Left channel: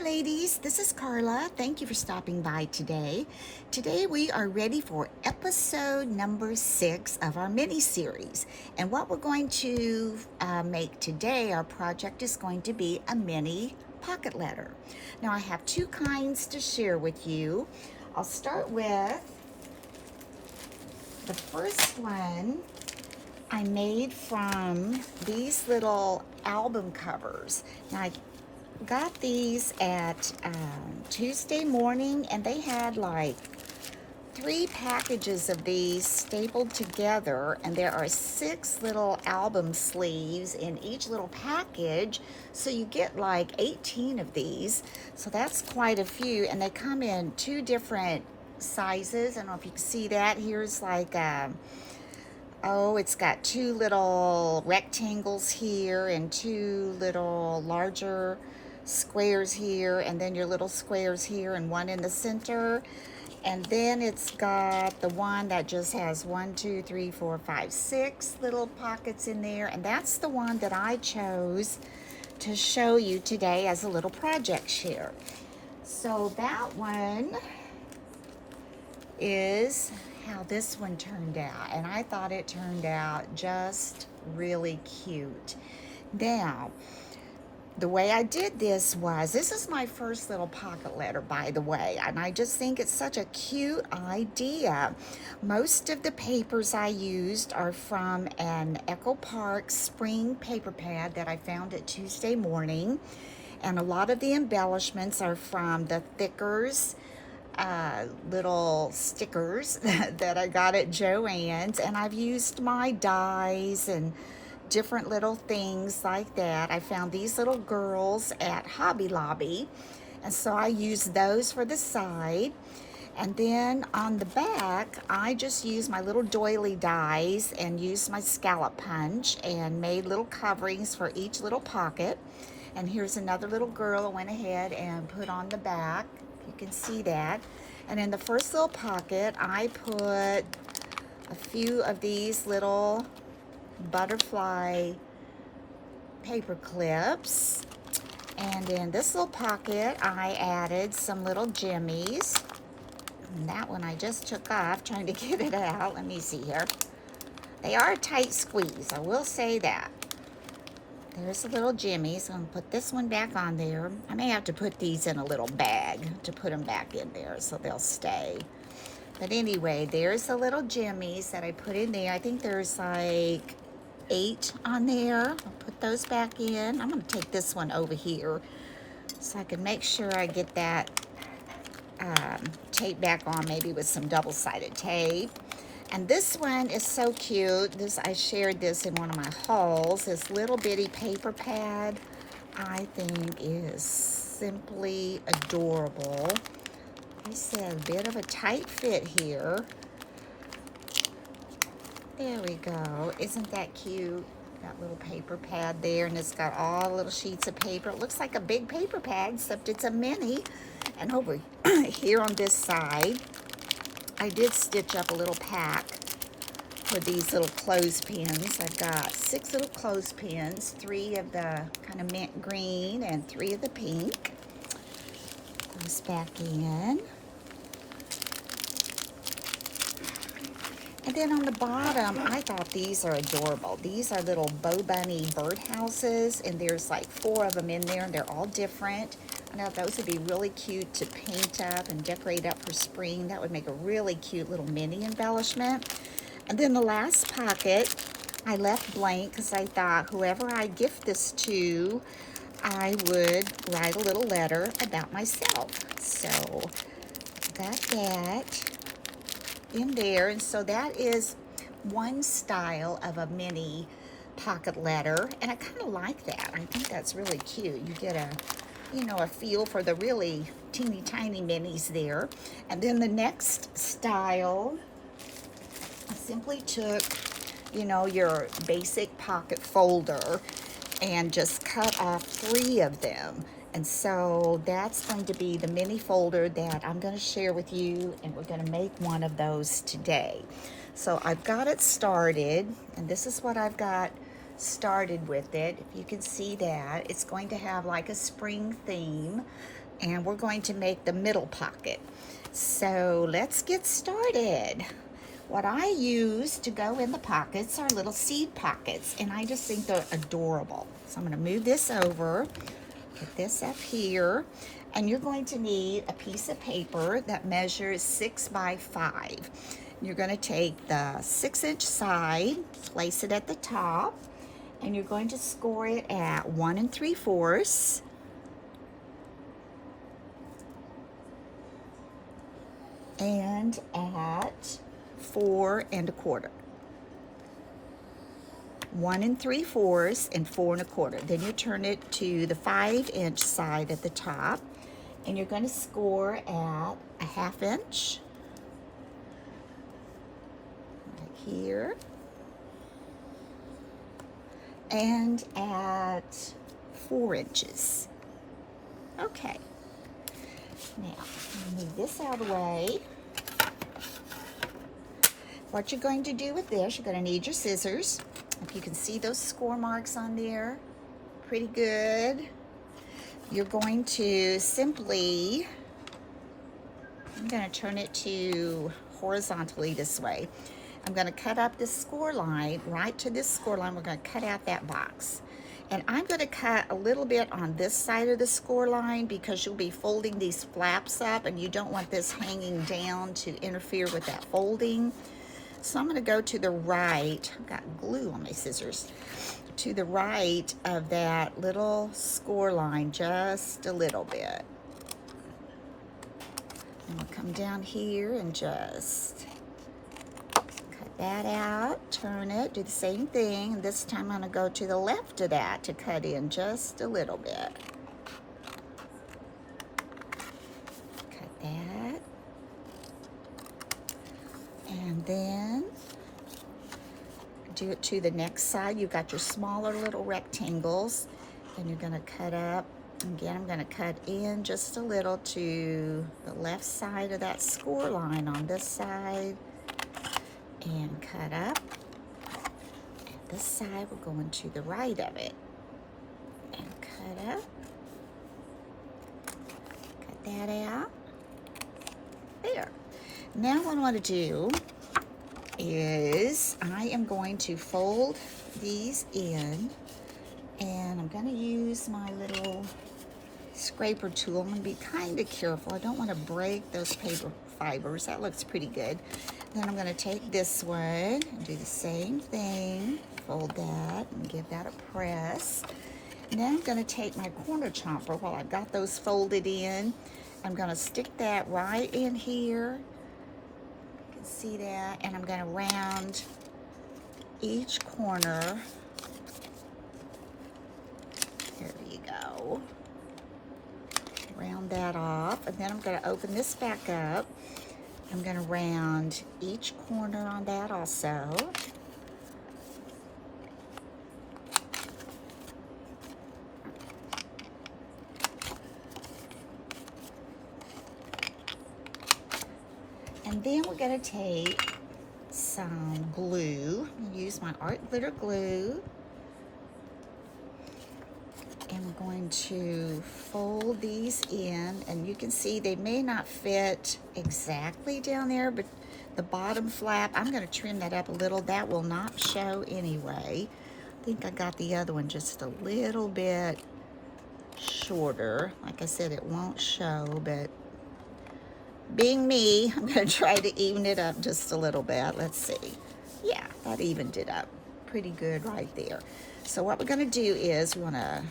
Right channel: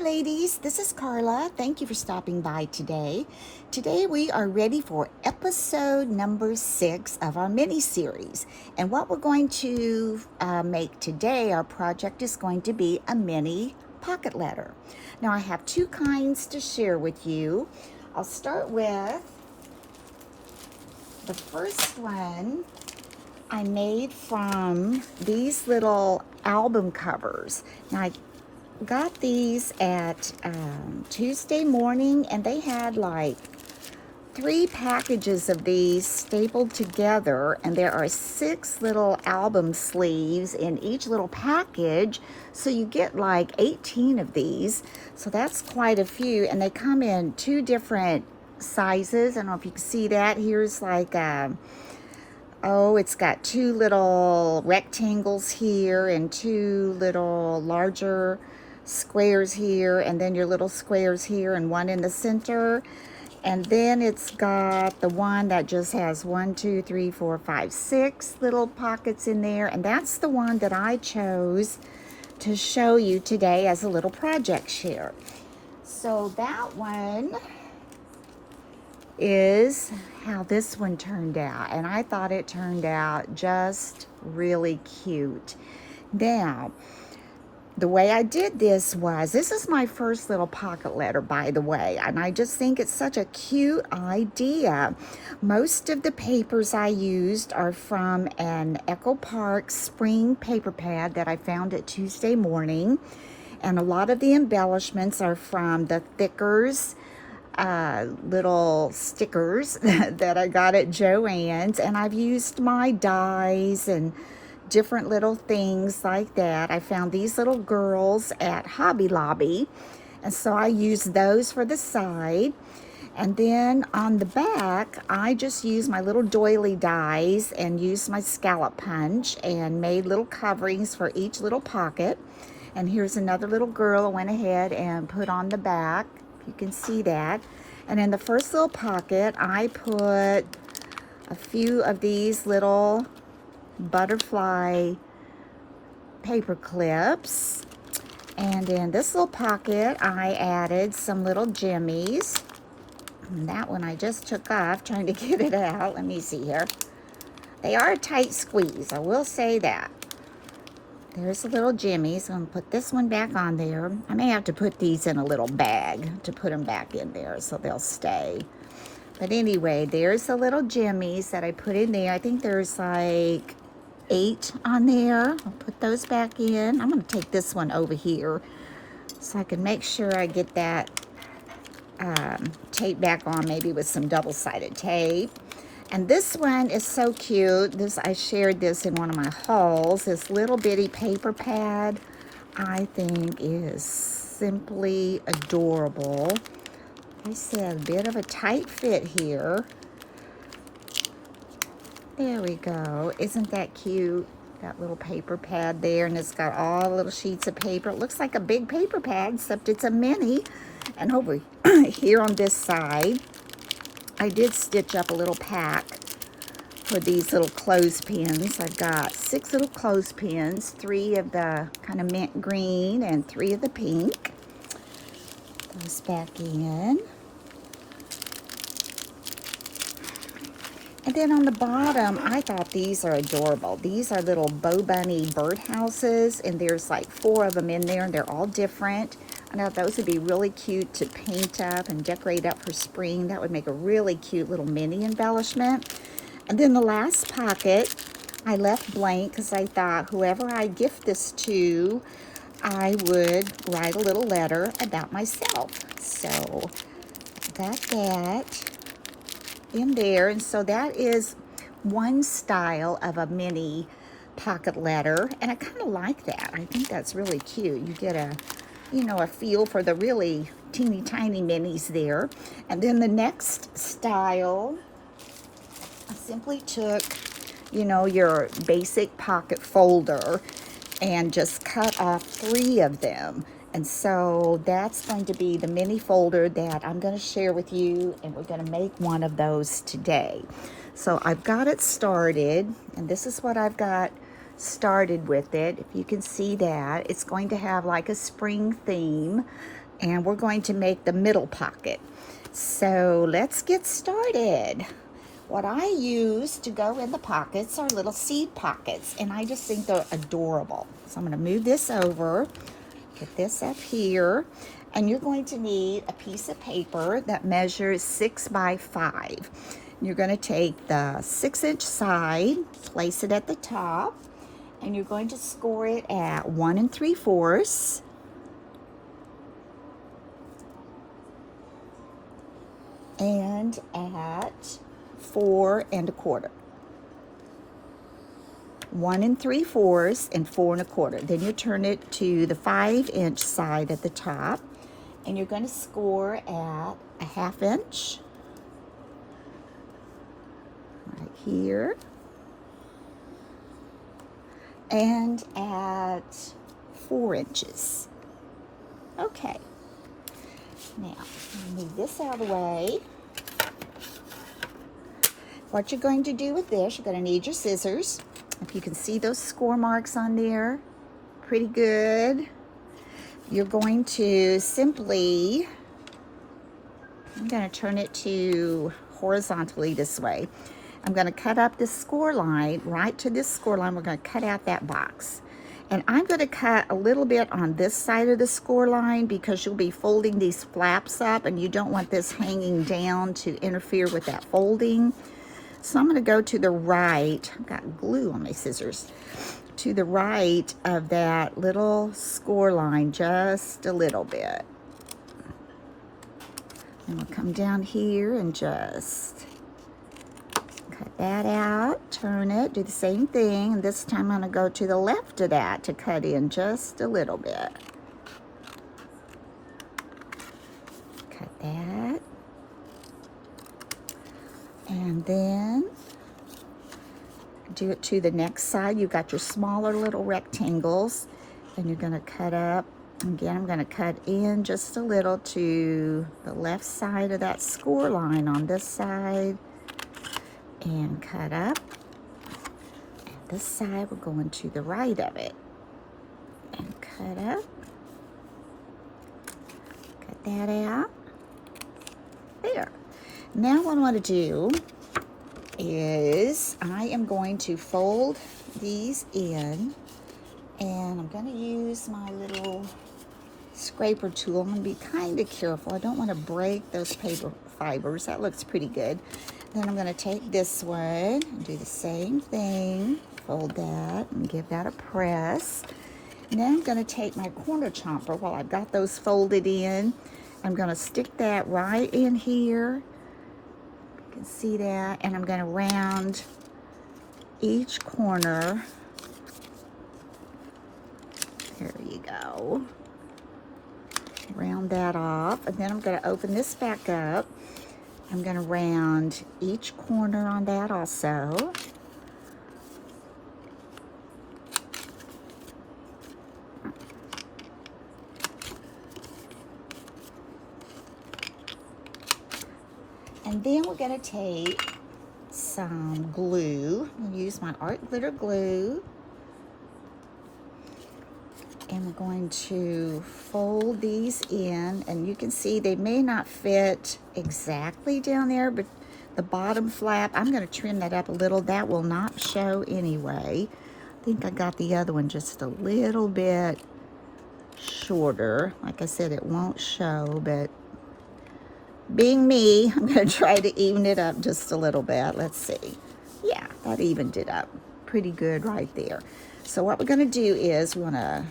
ladies, this is Carla. Thank you for stopping by today. Today we are ready for episode number 6 of our mini series. And what we're going to make today, our project is going to be a mini pocket letter. Now I have two kinds to share with you. I'll start with the first one I made from these little album covers. Now I got these at Tuesday morning, and they had like 3 packages of these stapled together, and there are 6 little album sleeves in each little package, so you get like 18 of these. So that's quite a few, and they come in 2 different sizes. I don't know if you can see that. Here's like it's got 2 little rectangles here and 2 little larger squares here, and then your little squares here and one in the center. And then it's got the one that just has 1, 2, 3, 4, 5, 6 little pockets in there, and that's the one that I chose to show you today as a little project share. So that one is how this one turned out, and I thought it turned out just really cute. Now, the way I did this is my first little pocket letter, by the way, and I just think it's such a cute idea. Most of the papers I used are from an Echo Park spring paper pad that I found at Tuesday morning, and a lot of the embellishments are from the Thickers little stickers that I got at Joann's, and I've used my dies and different little things like that. I found these little girls at Hobby Lobby, and so I used those for the side. And then on the back, I just used my little doily dies and used my scallop punch and made little coverings for each little pocket. And here's another little girl I went ahead and put on the back. You can see that. And in the first little pocket, I put a few of these little butterfly paper clips. And in this little pocket, I added some little jimmies. And that one I just took off trying to get it out. Let me see here. They are a tight squeeze, I will say that. There's the little jimmies. I'm going to put this one back on there. I may have to put these in a little bag to put them back in there so they'll stay. But anyway, there's the little jimmies that I put in there. I think there's like 8 on there. I'll put those back in. I'm going to take this one over here so I can make sure I get that tape back on, maybe with some double-sided tape. And this one is so cute. I shared this in one of my hauls. This little bitty paper pad, I think, is simply adorable. I see a bit of a tight fit here. There we go. Isn't that cute? That little paper pad there, and it's got all the little sheets of paper. It looks like a big paper pad, except it's a mini. And over here on this side, I did stitch up a little pack for these little clothespins. I've got 6 little clothespins, 3 of the kind of mint green and 3 of the pink. Those back in. And then on the bottom, I thought these are adorable. These are little Bo Bunny birdhouses, and there's like 4 of them in there, and they're all different. I know those would be really cute to paint up and decorate up for spring. That would make a really cute little mini embellishment. And then the last pocket I left blank because I thought whoever I gift this to, I would write a little letter about myself. So got that in there. And so that is one style of a mini pocket letter, and I kind of like that. I think that's really cute. You get a feel for the really teeny tiny minis there. And then the next style, I simply took, your basic pocket folder and just cut off 3 of them. And so that's going to be the mini folder that I'm going to share with you, and we're going to make one of those today. So I've got it started, and this is what I've got started with it. If you can see that, it's going to have like a spring theme. and we're going to make the middle pocket. So let's get started. What I use to go in the pockets are little seed pockets, and I just think they're adorable. So I'm going to move this over, put this up here, and you're going to need a piece of paper that measures 6 by 5. You're going to take the 6-inch side, place it at the top, and you're going to score it at 1 3/4 and at 4 1/4. 1 3/4 and 4 1/4. Then you turn it to the 5-inch side at the top, and you're going to score at a 1/2 inch right here, and at 4 inches. Okay. Now, move this out of the way. What you're going to do with this, you're going to need your scissors. If you can see those score marks on there, pretty good. You're going to simply, I'm going to turn it to horizontally this way. I'm going to cut up this score line, right to this score line. We're going to cut out that box. And I'm going to cut a little bit on this side of the score line because you'll be folding these flaps up and you don't want this hanging down to interfere with that folding. So I'm going to go to the right. I've got glue on my scissors. To the right of that little score line just a little bit. And we'll come down here and just cut that out, turn it, do the same thing, and this time I'm going to go to the left of that to cut in just a little bit. Cut that. And then do it to the next side. You've got your smaller little rectangles, and you're going to cut up. Again, I'm going to cut in just a little to the left side of that score line on this side, and cut up. And this side, we're going to the right of it, and cut up. Cut that out. There. Now what I want to do is I am going to fold these in, and I'm going to use my little scraper tool. I'm going to be kind of careful. I don't want to break those paper fibers. That looks pretty good. Then I'm going to take this one and do the same thing. Fold that and give that a press. And then I'm going to take my corner chomper while I've got those folded in. I'm going to stick that right in here. You can see that. And I'm going to round each corner. There you go. Round that off. And then I'm going to open this back up. I'm going to round each corner on that also. And then we're going to take some glue. I'm going to use my Art Glitter glue. And we're going to fold these in. And you can see they may not fit exactly down there, but the bottom flap, I'm going to trim that up a little. That will not show anyway. I think I got the other one just a little bit shorter. Like I said, it won't show, but being me, I'm going to try to even it up just a little bit. Let's see. Yeah, that evened it up pretty good right there. So what we're going to do is we're going to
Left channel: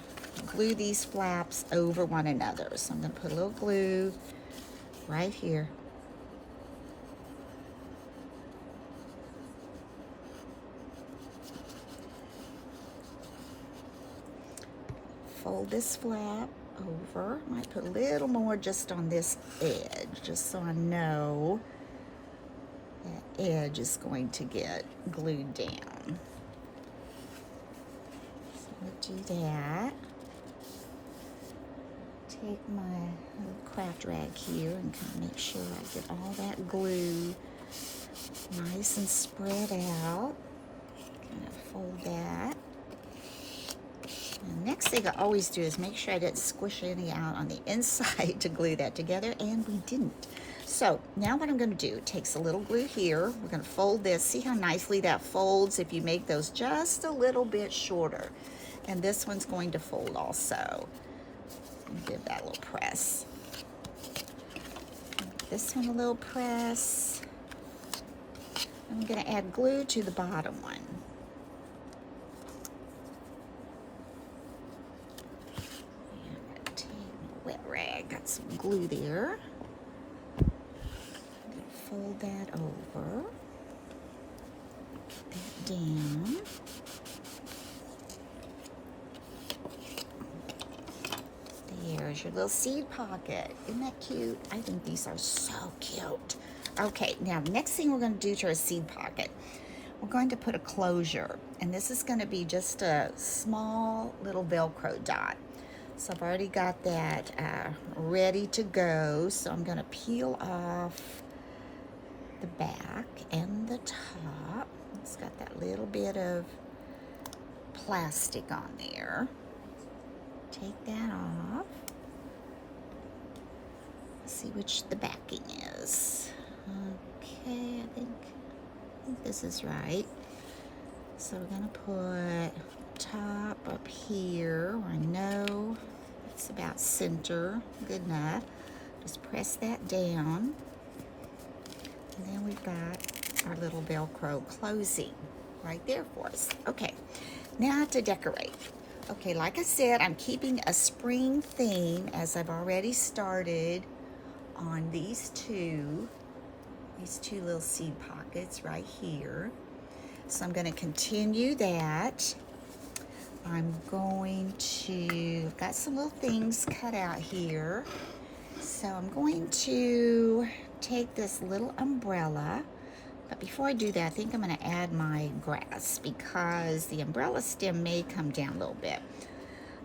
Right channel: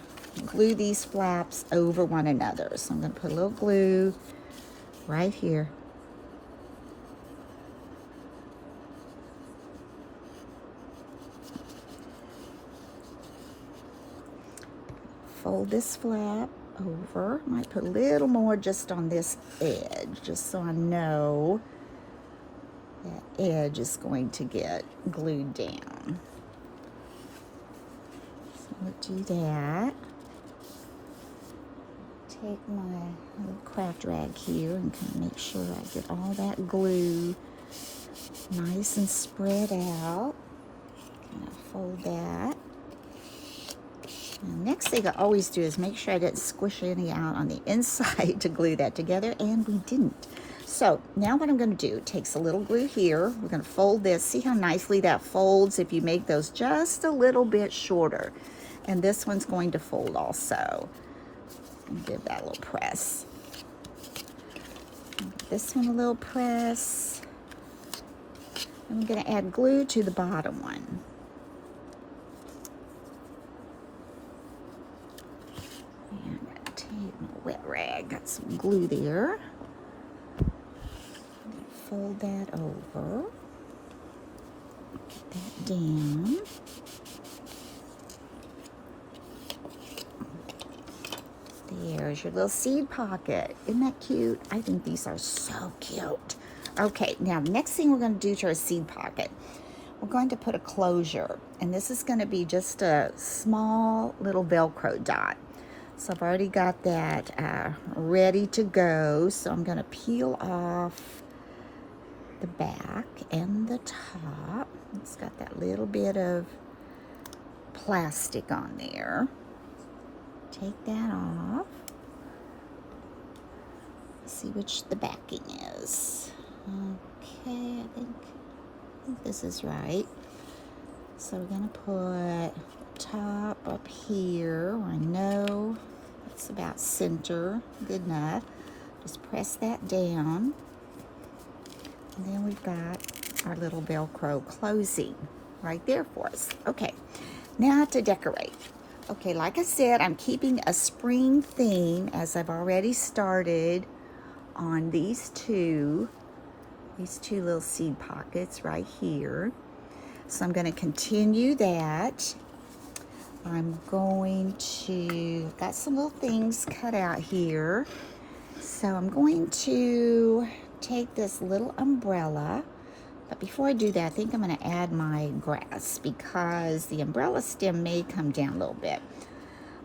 glue these flaps over one another. So I'm going to put a little glue right here. Fold this flap over. I might put a little more just on this edge, just so I know that edge is going to get glued down. So I'm going to do that. Take my little craft rag here and kind of make sure I get all that glue nice and spread out. Kind of fold that. And next thing I always do is make sure I didn't squish any out on the inside to glue that together, and we didn't. So now what I'm going to do, takes a little glue here. We're going to fold this. See how nicely that folds if you make those just a little bit shorter. And this one's going to fold also. Give that a little press. This one a little press. I'm going to add glue to the bottom one. And I'm going to take my wet rag, got some glue there. I'm going to fold that over. Get that down. There's your little seed pocket. Isn't that cute? I think these are so cute. Okay, now next thing we're going to do to our seed pocket, we're going to put a closure, and this is going to be just a small little Velcro dot. So I've already got that ready to go. So I'm going to peel off the back and the top. It's got that little bit of plastic on there. Take that off. See which the backing is. Okay, I think this is right. So we're gonna put top up here. I know it's about center, good enough. Just press that down. And then we've got our little Velcro closing right there for us. Okay, now to decorate. Okay, like I said, I'm keeping a spring theme as I've already started on these two little seed pockets right here. So I'm going to continue that. I'm going to, got some little things cut out here. So I'm going to take this little umbrella. But before I do that, I think I'm going to add my grass because the umbrella stem may come down a little bit.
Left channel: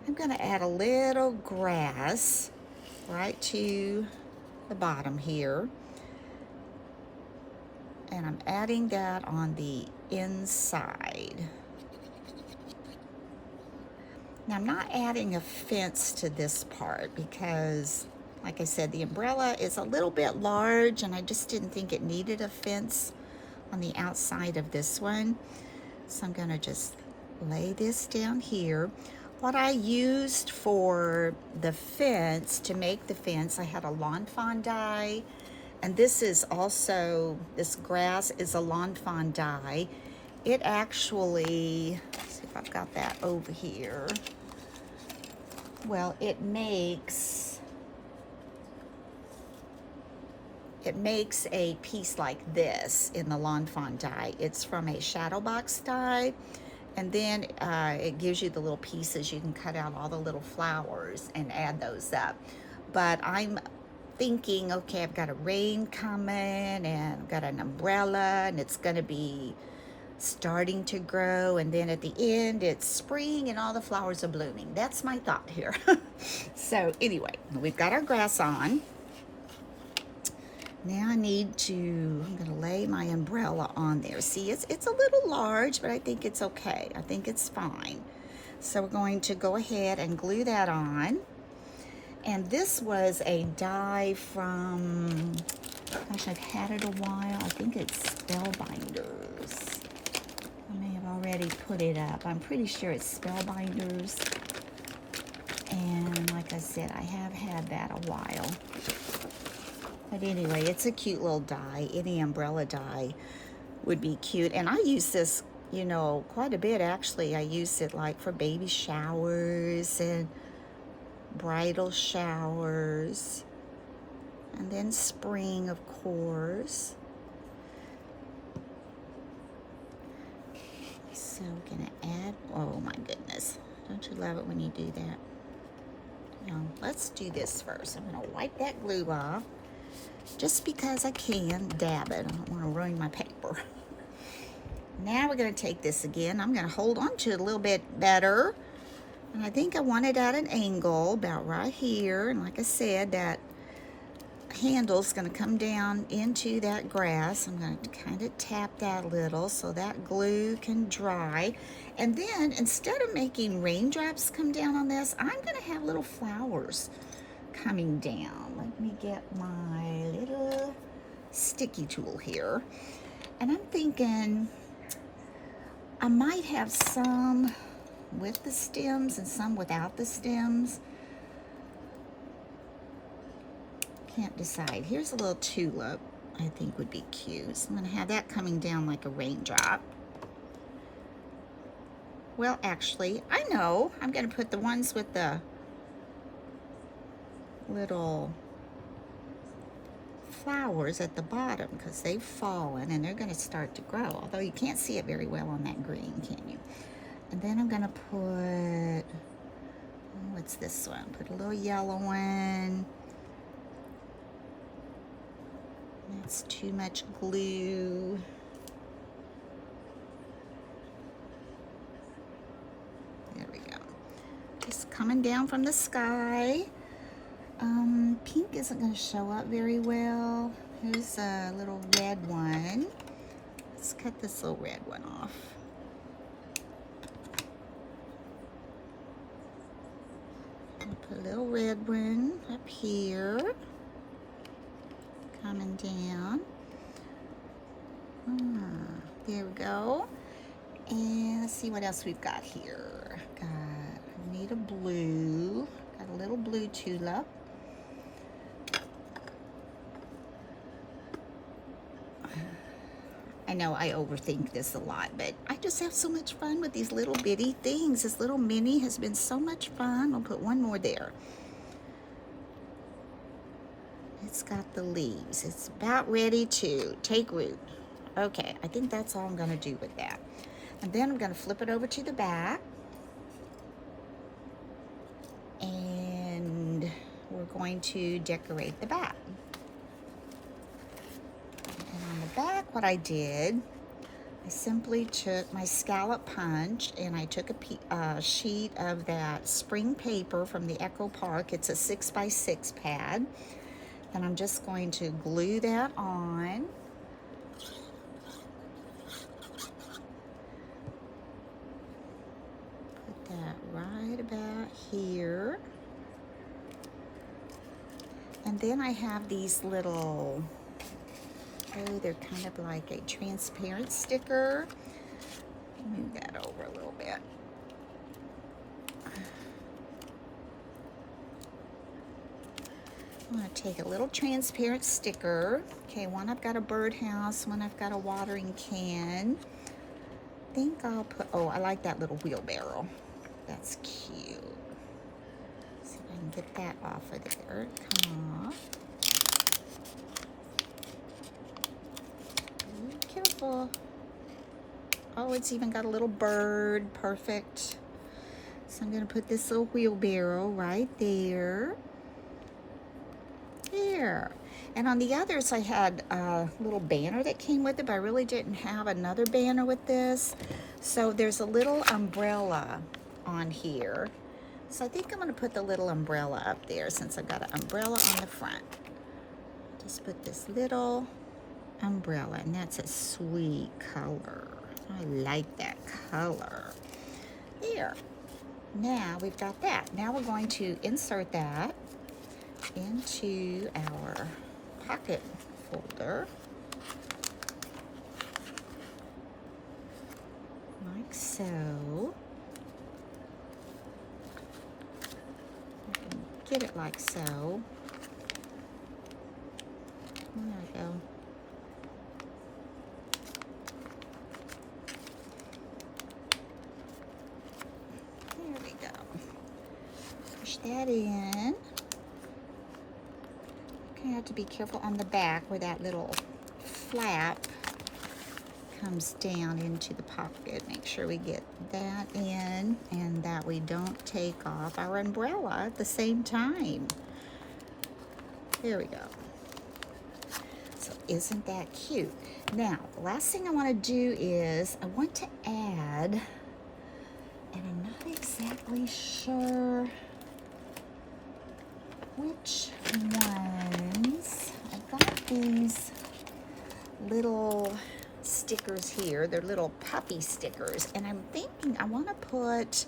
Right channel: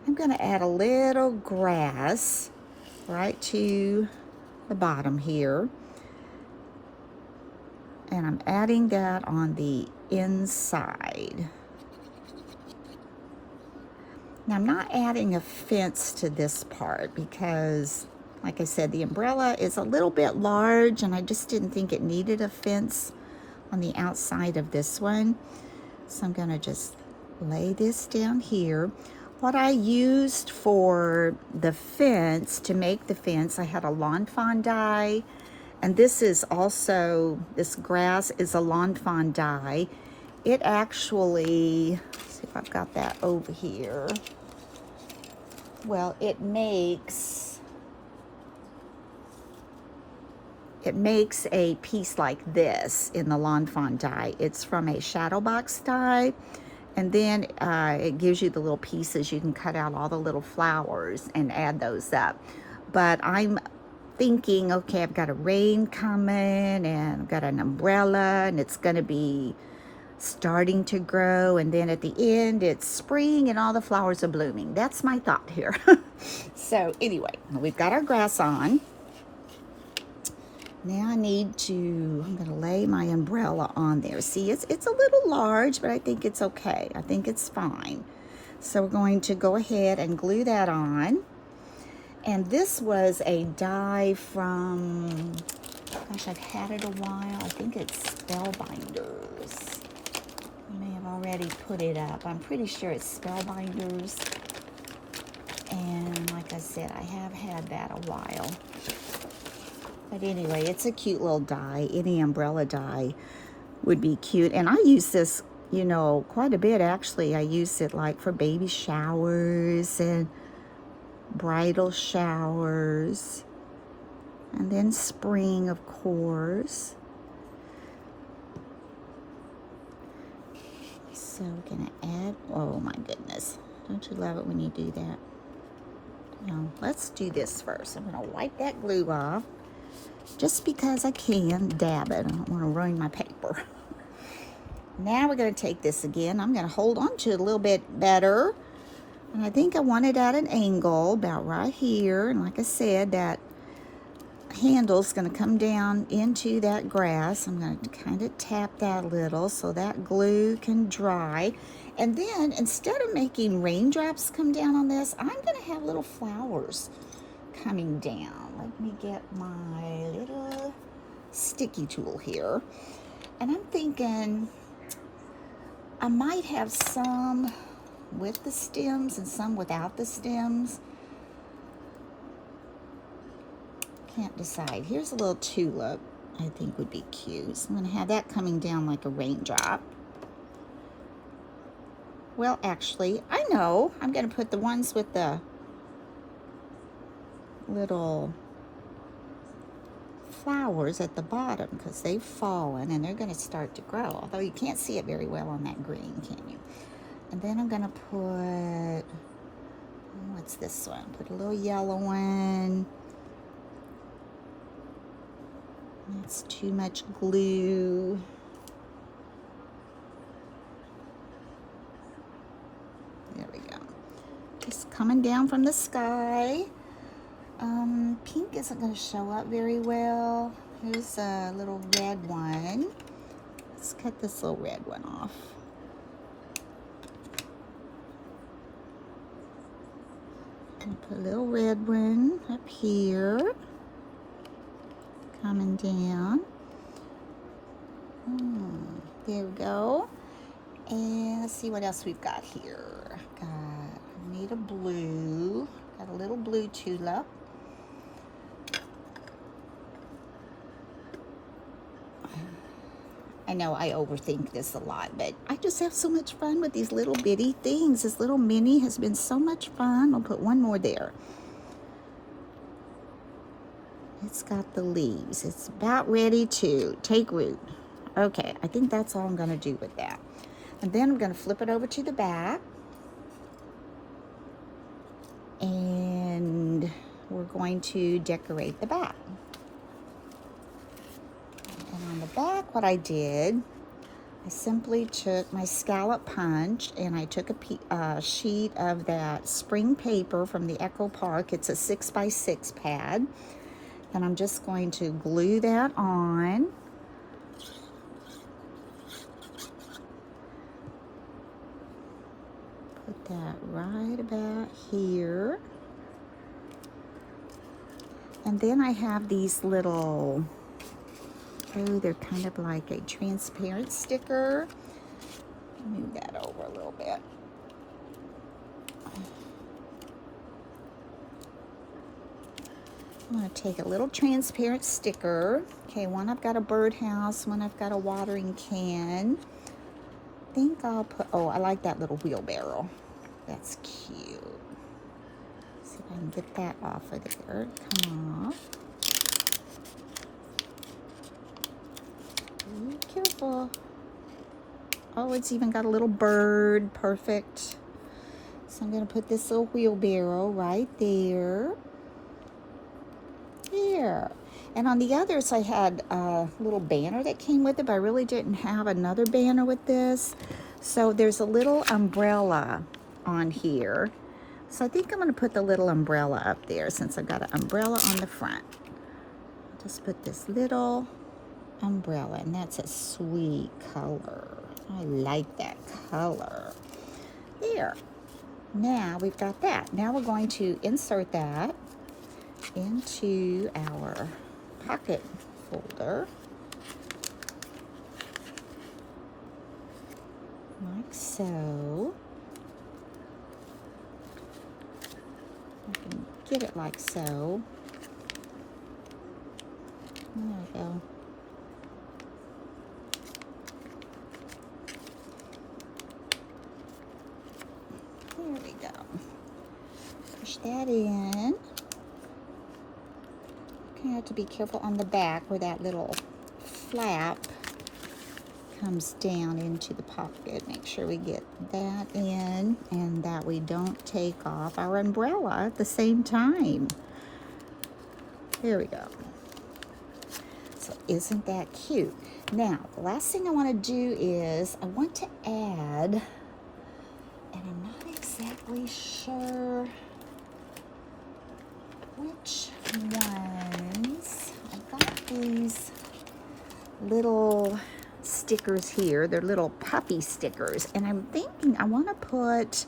I'm going to add a little grass right to the bottom here. And I'm adding that on the inside. Now I'm not adding a fence to this part because, like I said, the umbrella is a little bit large and I just didn't think it needed a fence on the outside of this one. So I'm going to just lay this down here. What I used for the fence, to make the fence, I had a lawn fawn die, and this is also, this grass is a lawn fawn die. It actually, let's see if I've got that over here. Well, it makes a piece like this in the lawn fawn die. It's from a shadow box die, and then it gives you the little pieces. You can cut out all the little flowers and add those up. But I'm thinking, okay, I've got a rain coming and I've got an umbrella and it's gonna be starting to grow, and then at the end it's spring and all the flowers are blooming. That's my thought here. So anyway, we've got our grass on. Now I need to, I'm going to lay my umbrella on there. See, it's a little large, but I think it's okay. I think it's fine. So we're going to go ahead and glue that on. And this was a die from, gosh, I've had it a while. I think it's Spellbinders. I may have already put it up. I'm pretty sure it's Spellbinders. And like I said, I have had that a while. But anyway, it's a cute little die. Any umbrella die would be cute. And I use this, you know, quite a bit actually. I use it like for baby showers and bridal showers. And then spring, of course. So we're going to add, oh my goodness. Don't you love it when you do that? Now, let's do this first. I'm going to wipe that glue off. Just because I can, dab it. I don't want to ruin my paper. Now we're going to take this again. I'm going to hold on to it a little bit better. And I think I want it at an angle, about right here. And like I said, that handle's going to come down into that grass. I'm going to kind of tap that a little so that glue can dry. And then instead of making raindrops come down on this, I'm going to have little flowers coming down. Let me get my little sticky tool here. And I'm thinking I might have some with the stems and some without the stems. Can't decide. Here's a little tulip I think would be cute. So I'm going to have that coming down like a raindrop. Well, actually, I know. I'm going to put the ones with the little flowers at the bottom because they've fallen and they're going to start to grow. Although you can't see it very well on that green, can you? And then I'm going to put, what's this one? Put a little yellow one. That's too much glue. There we go. Just coming down from the sky. Pink isn't going to show up very well. Here's a little red one. Let's cut this little red one off. Put a little red one up here. Coming down. There we go. And let's see what else we've got here. I need a blue. Got a little blue tulip. I know I overthink this a lot, but I just have so much fun with these little bitty things. This little mini has been so much fun. I'll put one more there. It's got the leaves. It's about ready to take root. Okay, I think that's all I'm going to do with that. And then I'm going to flip it over to the back. And we're going to decorate the back. And on the back, what I did, I simply took my scallop punch and I took a sheet of that spring paper from the Echo Park. It's a 6x6 pad. And I'm just going to glue that on. Put that right about here. And then I have these little, they're kind of like a transparent sticker. Move that over a little bit. I'm going to take a little transparent sticker. Okay, one I've got a birdhouse, one I've got a watering can. I think I'll put, oh, I like that little wheelbarrow. That's cute. See if I can get that off of there. Come off. Be careful. Oh, it's even got a little bird. Perfect. So I'm going to put this little wheelbarrow right there. There. And on the others, I had a little banner that came with it, but I really didn't have another banner with this. So there's a little umbrella on here. So I think I'm going to put the little umbrella up there since I've got an umbrella on the front. Just put this little umbrella, and that's a sweet color. I like that color. There. Now we've got that. Now we're going to insert that into our pocket folder, like so. I can get it like so. There we go. There we go. Push that in. You have to be careful on the back where that little flap comes down into the pocket. Make sure we get that in and that we don't take off our umbrella at the same time. There we go. So isn't that cute? Now, the last thing I want to do is I want to add, and I'm not exactly sure which ones these little stickers here. They're little puppy stickers. And I'm thinking I want to put,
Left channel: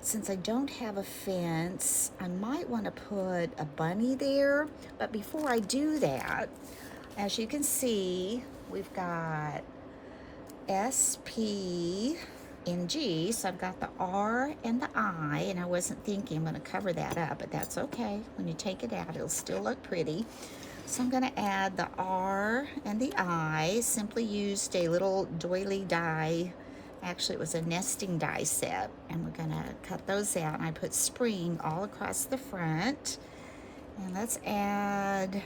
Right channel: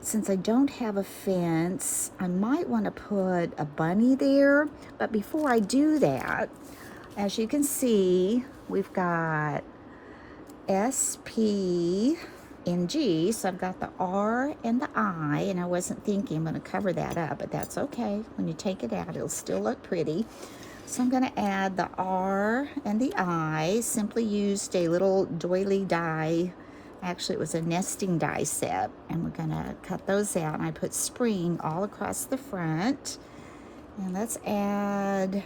since I don't have a fence, I might want to put a bunny there. But before I do that, as you can see, we've got S, P, and G. So I've got the R and the I, and I wasn't thinking I'm going to cover that up, but that's okay. When you take it out, it'll still look pretty. So I'm going to add the R and the I. Simply used a little doily die. Actually, it was a nesting die set, and we're going to cut those out. And I put spring all across the front. And let's add,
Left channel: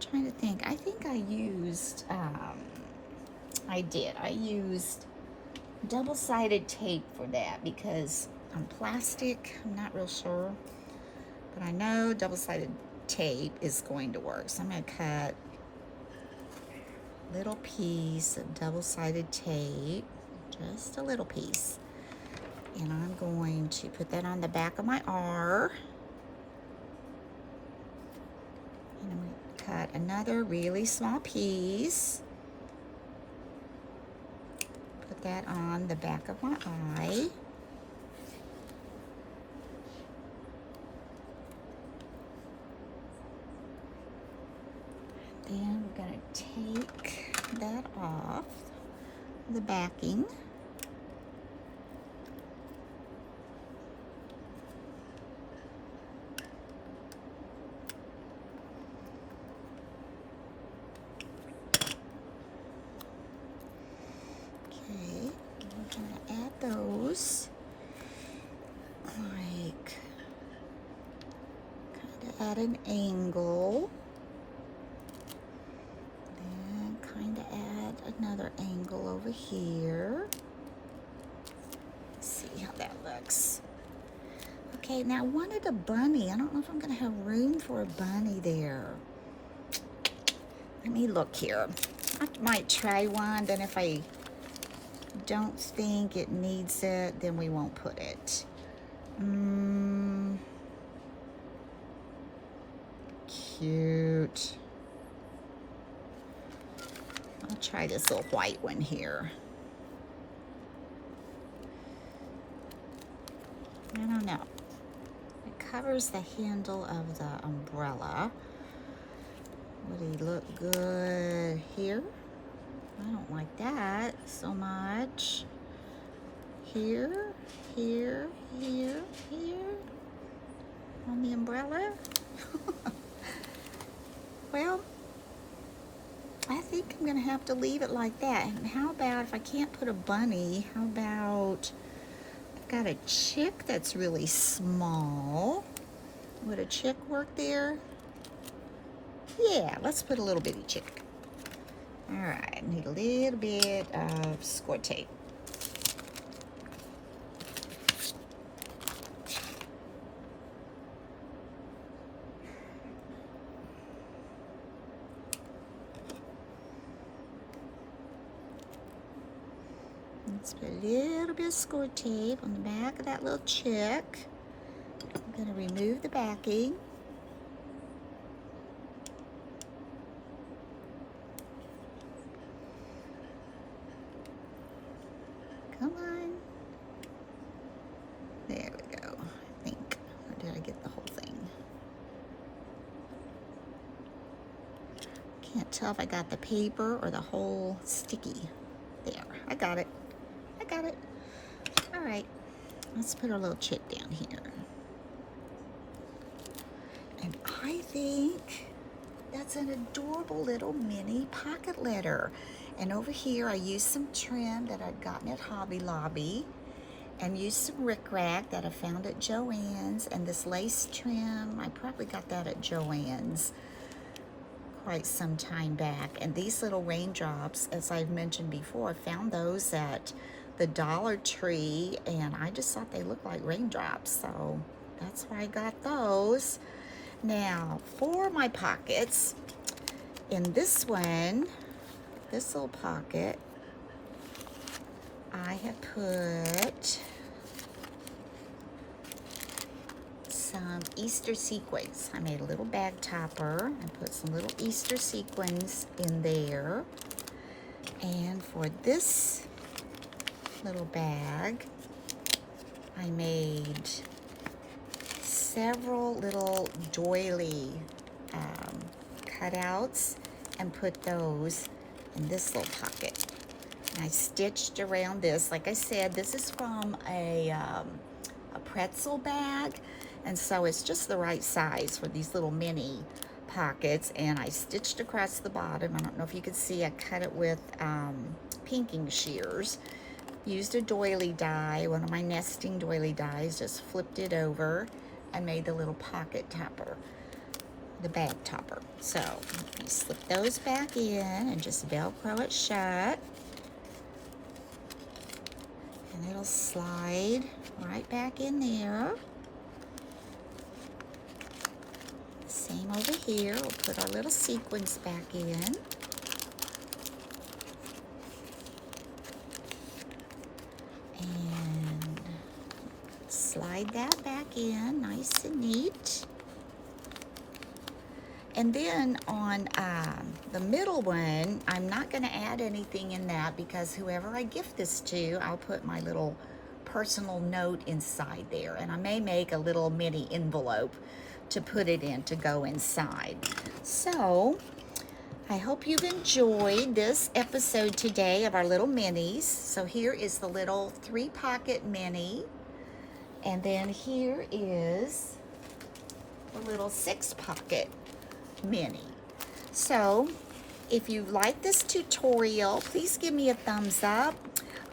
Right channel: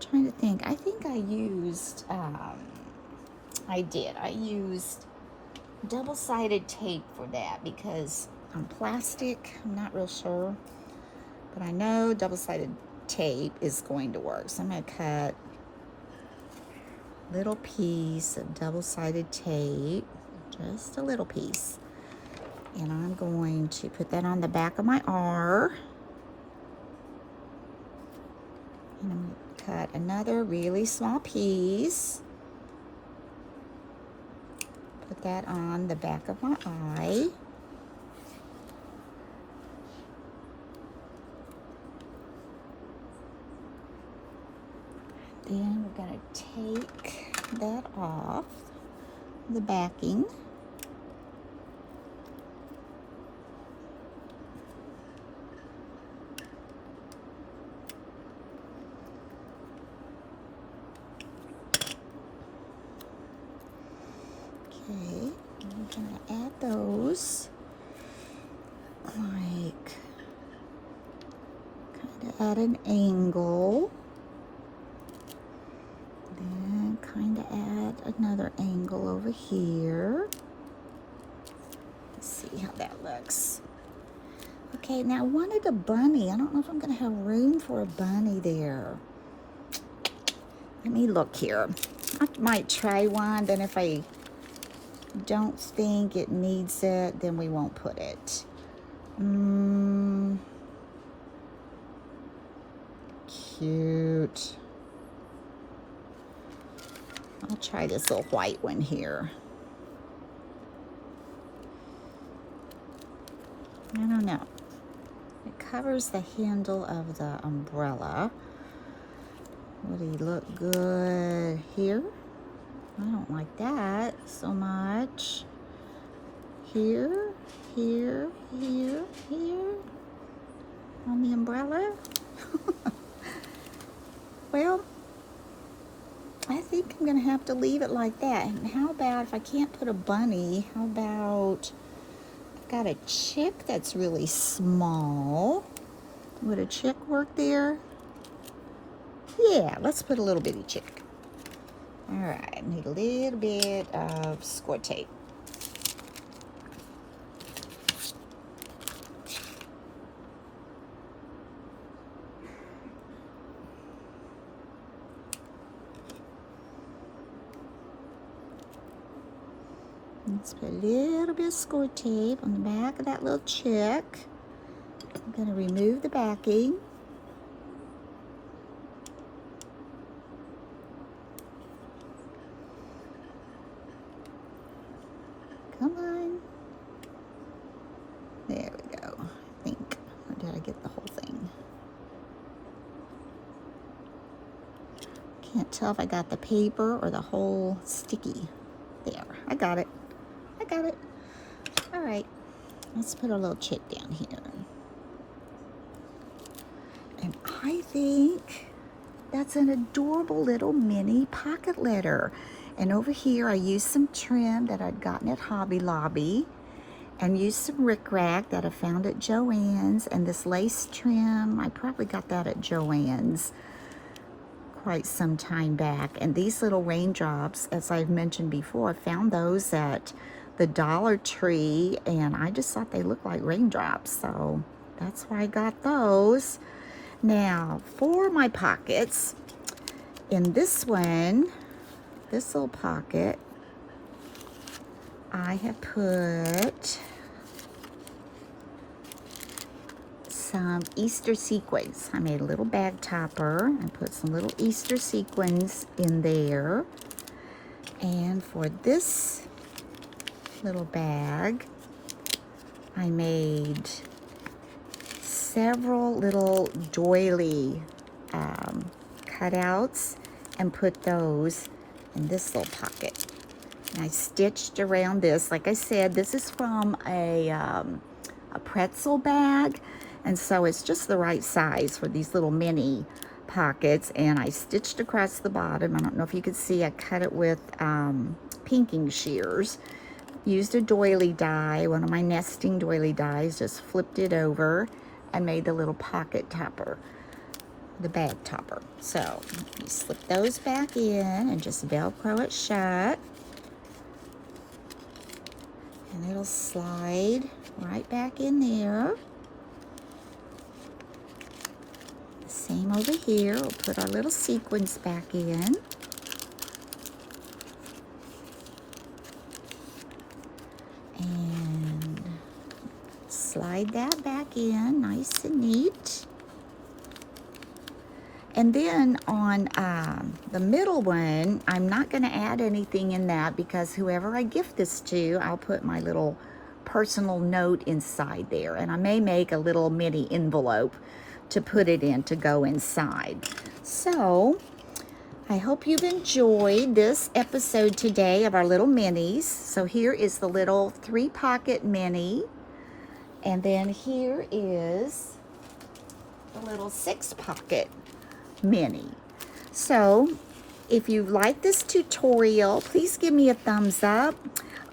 trying to think, I think I used, I used double-sided tape for that because on plastic, I'm not real sure, but I know double-sided tape is going to work. So I'm going to cut a little piece of double-sided tape, just a little piece, and I'm going to put that on the back of my R, and I'm going to cut another really small piece, put that on the back of my I. Then we're going to take that off, the backing. Okay, I'm going to add those, like, kind of at an angle. Then kind of add another angle over here. Let's see how that looks. Okay, now I wanted a bunny. I don't know if I'm going to have room for a bunny there. Let me look here. I might try one, then if I don't think it needs it, then we won't put it. Cute. I'll try this little white one here. I don't know. It covers the handle of the umbrella. Would he look good here? I don't like that so much. Here, here, here, here. On the umbrella. Well, I think I'm going to have to leave it like that. And how about if I can't put a bunny, how about, I've got a chick that's really small. Would a chick work there? Yeah, let's put a little bitty chick. All right, need a little bit of score tape. Let's put a little bit of score tape on the back of that little chick. I'm going to remove the backing. Come on. There we go, I think. Or did I get the whole thing? Can't tell if I got the paper or the whole sticky. There, I got it. I got it. All right, let's put our little chick down here. And I think that's an adorable little mini pocket letter. And over here, I used some trim that I'd gotten at Hobby Lobby, and used some rickrack that I found at Joann's, and this lace trim, I probably got that at Joann's quite some time back. And these little raindrops, as I've mentioned before, I found those at the Dollar Tree, and I just thought they looked like raindrops, so that's why I got those. Now, for my pockets, in this one, this little pocket, I have put some Easter sequins. I made a little bag topper and put some little Easter sequins in there. And for this little bag, I made several little doily cutouts and put those in this little pocket. And I stitched around this. Like I said, this is from a pretzel bag, and so it's just the right size for these little mini pockets. And I stitched across the bottom. I don't know if you can see, I cut it with pinking shears. Used a doily die, one of my nesting doily dies, just flipped it over and made the little pocket topper, the bag topper. So you slip those back in and just Velcro it shut. And it'll slide right back in there. Same over here. We'll put our little sequins back in. And slide that back in, nice and neat. And then on the middle one, I'm not going to add anything in that because whoever I gift this to, I'll put my little personal note inside there. And I may make a little mini envelope to put it in to go inside. So I hope you've enjoyed this episode today of our little minis. So here is the little 3-pocket mini. And then here is the little 6-pocket mini. So if you like this tutorial, please give me a thumbs up.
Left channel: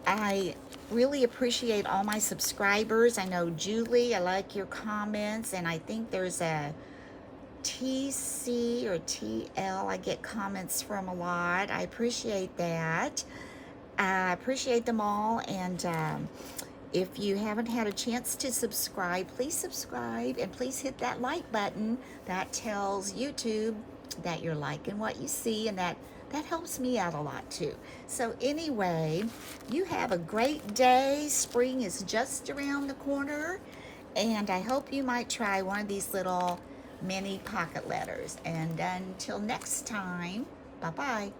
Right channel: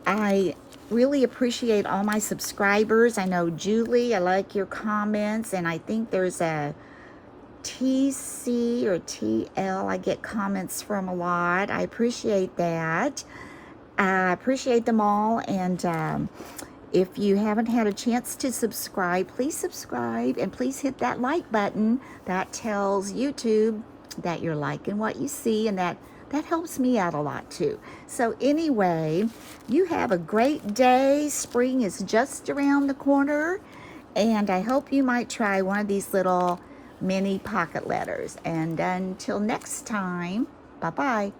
I really appreciate all my subscribers. I know Julie, I like your comments, and I think there's a TC or TL I get comments from a lot. I appreciate that. I appreciate them all, and if you haven't had a chance to subscribe, please subscribe and please hit that like button. That tells YouTube that you're liking what you see, and that helps me out a lot too. So anyway, you have a great day. Spring is just around the corner, and I hope you might try one of these little mini pocket letters. And until next time, bye-bye.